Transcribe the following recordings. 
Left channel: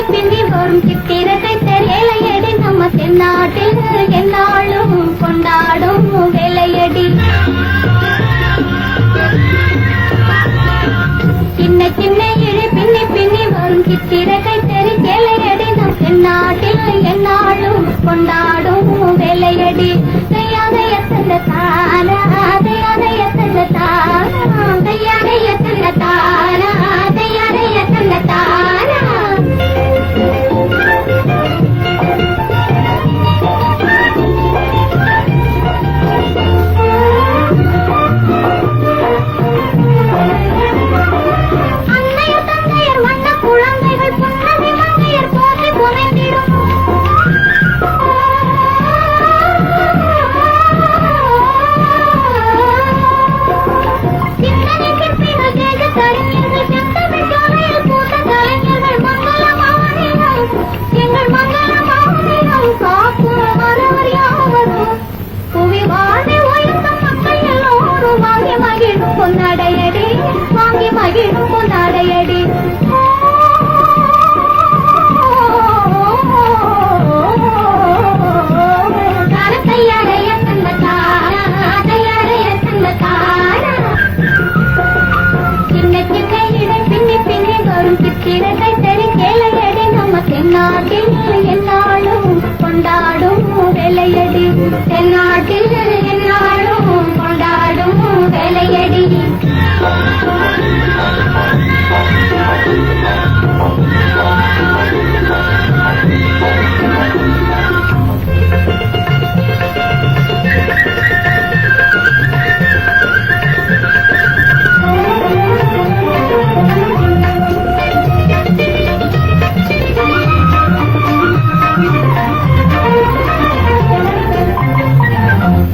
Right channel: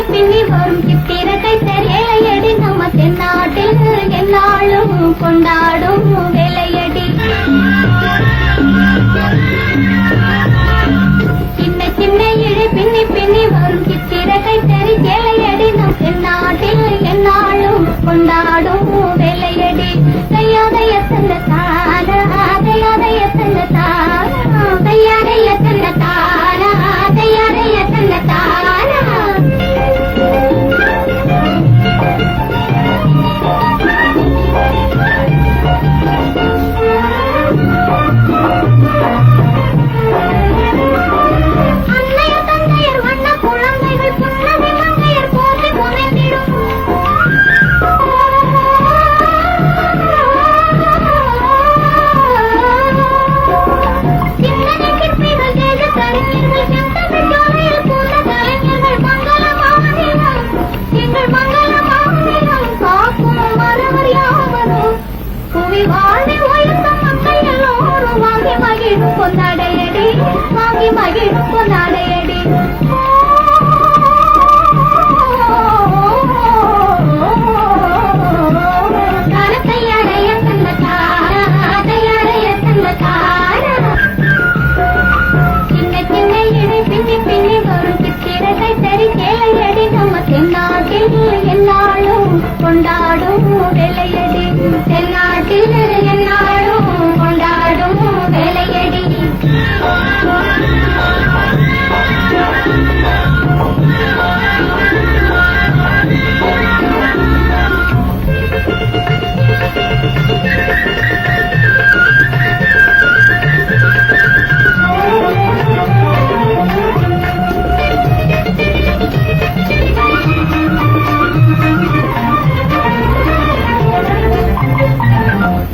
பின்னி பின்னி வரும் சித்திர கைத்தறி வேலையடி நம்ம தென்னாட்டில் என்னாலும் கொண்டாடும் வேலையடி. சின்ன சின்ன இழை பின்னி பின்னி வரும் சித்திர கைத்தறி சேலையடி நம் தென்னாட்டில் என்னாலும் கொண்டாடும் வேலையடி. தையாதைய தந்த தானா தையாதைய தந்த தானா தையாதைய தந்த தானா தையாதைய தந்த தானா. அன்னையர் தந்தையர் வண்ண குழந்தைகள் புன்னகை மங்கையர் போற்றி புனைந்திடும். சிந்தனை சிற்பிகள் தேஜ கலைஞர்கள் செந்தமிழ் சோலையில் பூத்த கலைஞர்கள் மங்கள மாநிலம் எங்கள் மங்கள மாநிலம் காக்கும் மறவர் யாவரும் புவி வாழ்வை உயர்த்தும் மக்கள் எல்லோரும் வாங்கி மகிழும் பொன்னாடையடி வாங்கி மகிழும் பொன்னாடையடி. தையாடைய தந்த தானா தையாடைய தந்த தானா. சின்ன சின்ன இடை பின்னி பின்னி வரும் சித்திர கைத்தறி சேலையடி நம்ம தென்னாட்டில் என்னாலும் கொண்டாடும் வேலையடி. தென்னாட்டில் என்னாலும் கொண்டாடும் வேலையடி.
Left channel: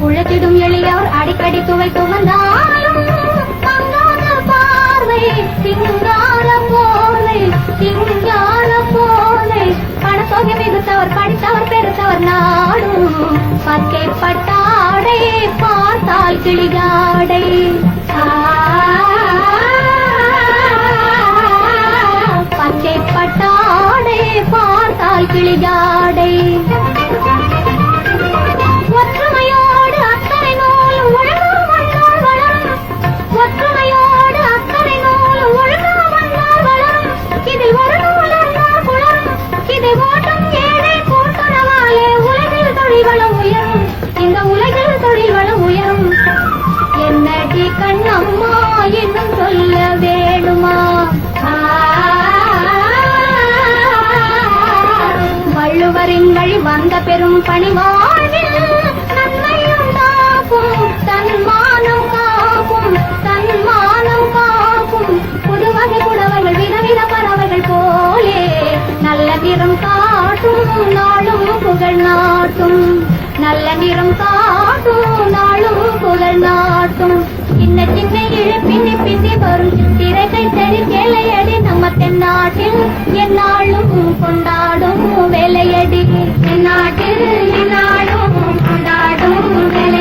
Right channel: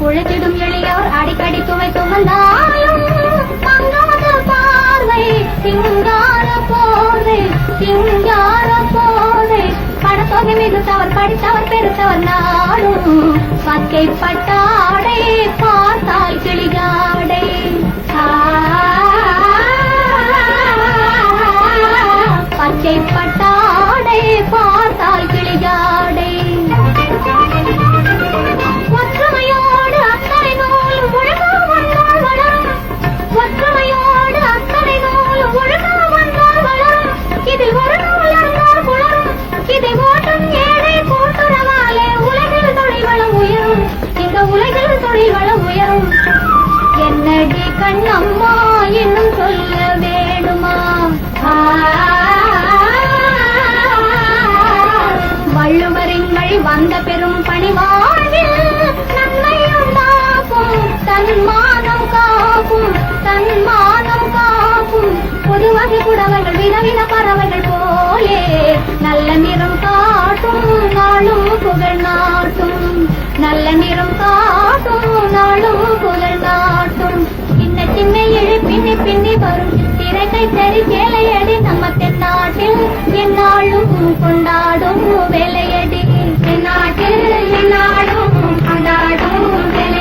உழைத்திடும் எளியோர் அடிக்கடி துவை துவந்தாலும் மங்காத பார்வை சிங்கார போர்வை சிங்கார போர்வை. பணத்தொகை மிகுத்தவர் படித்தவர் பெருத்தவர் நாடும் பச்சை பட்டாடை பார்த்தால் கிளியாடை. பச்சை பட்டாடை பார்த்தால் கிளியாடை. ஒற்றுமையோடு அத்தனை நூலும் ஒழுங்கா வந்தால் வளரும். ஒற்றுமையோடு அத்தனை நூலும் ஒழுங்கா வந்தால் வளரும். இதில் ஒரு நூல் இருந்தால் குளரும். இதை ஓட்டும் ஏழை கூட்டுறவாலே உலகில் தொழில் வளம் உயரும். இந்த உலகில் தொழில் வளம் உயரும். என்னடி கண்ணம்மா இன்னும் சொல்ல வேணுமா? வள்ளுவரின் வழி வந்த பெரும் பணி வாழ்வில் நன்மை உண்டாக்கும் தன்மானம் காக்கும் தன்மானம் காக்கும். புதுவகை புடவைகள் விதவித பறவைகள் போலே நல்ல நிறம் காட்டும் நாளும் புகழ் நாட்டும். நல்ல நிறம் காட்டும் நாளும் புகழ் நாட்டும். சின்ன சின்ன இழை பின்னி பின்னி வரும் சித்திரை கைத்தறி சேலையடி நம்ம தென்னாட்டில் என்னாலும் கொண்டாடும் வேலையடி. தென்னாட்டில் என்னாலும் கொண்டாடும் வேலை.